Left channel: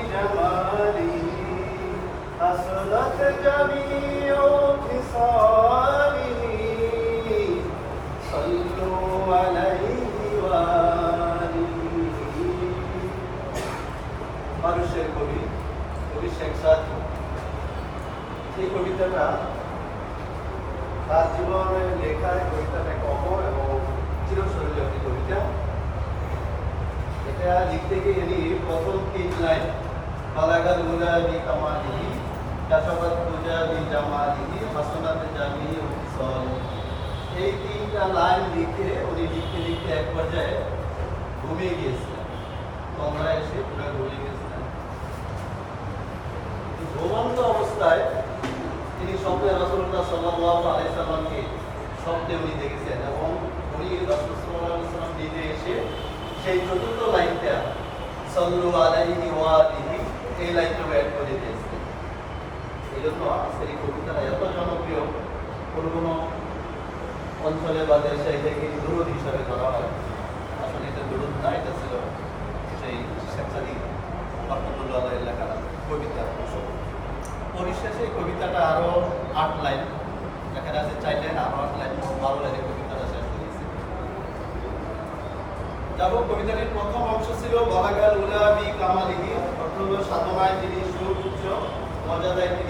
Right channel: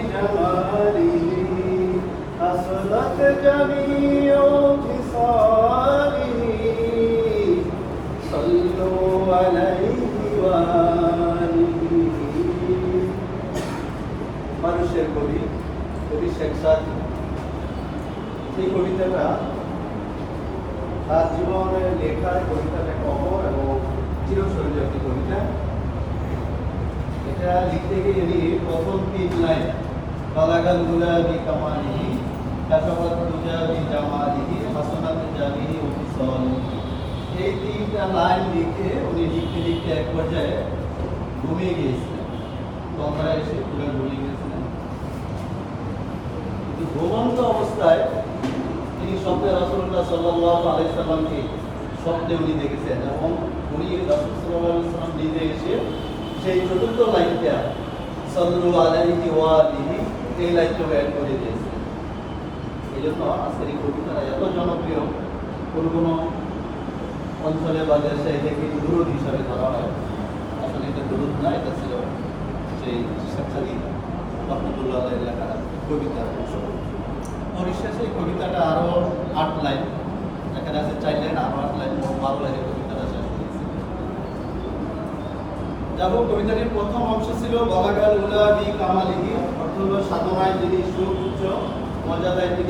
بجماله حسنت جميع خصاله صلوا عليه وآله মানুষের কবি শেখ সাদি এই কবিতাটা তার জীবনের লেখায় কবিতাটা কবর এবং চিরস্মরণীয় একটি কবিতা। এটা লিখতে গিয়ে প্রথম 3 লাইন বালাগাল উলা বিকামালিহি কাসাবাত তুজা বিজামালিহি হাসানাত জামিহি ওয়া ফিসালিহি, এই 3টা লাইন লিখে উনি লিখতে এক পর্যায়ে ঘুমিয়ে গিয়েছিলেন। কথাটা এসে পুরো ঘুমিয়ে গেছিলেন। ঘুমন্ত অবস্থায় তিনি স্বপ্নে রাসূলুল্লাহ সাল্লাল্লাহু আলাইহি সাল্লামকে স্বপ্নে উনি দেখেছেন এবং উনি রাসূল সাল্লাল্লাহু আলাইহি সাল্লাম নিজে এসে সেই চতুর্থ লাইনটা সাল্লু আলাইহি ওয়া আলিহি এই লাইনটা অ্যাড করে দিয়েছেন। এই জন্য আজকের এই কবিতাটা এত জনপ্রিয়, কোনো অঞ্চলে বা দেশে এটাকে দুরূদ হিসাবে ধরা হয়। আসলে এটা দুরূদ না, এটা ছিল সেই শেখ সাদি রহমতুল্লাহ এলাকার কবিতা। পরিশেষে এই কবিতাটা আরো 8 লাইন, এখানে আছে 4 লাইন, আরো 8 লাইন, 12 লাইনের কবিতাটা শেষ হয়েছে। যাবো কবিতাটির প্রথম অংশ ছিল বালাগাল উলা বি কামালিহি, অর্থ হলো সাধনায় যিনি সুউচ্চ মর্যাদায়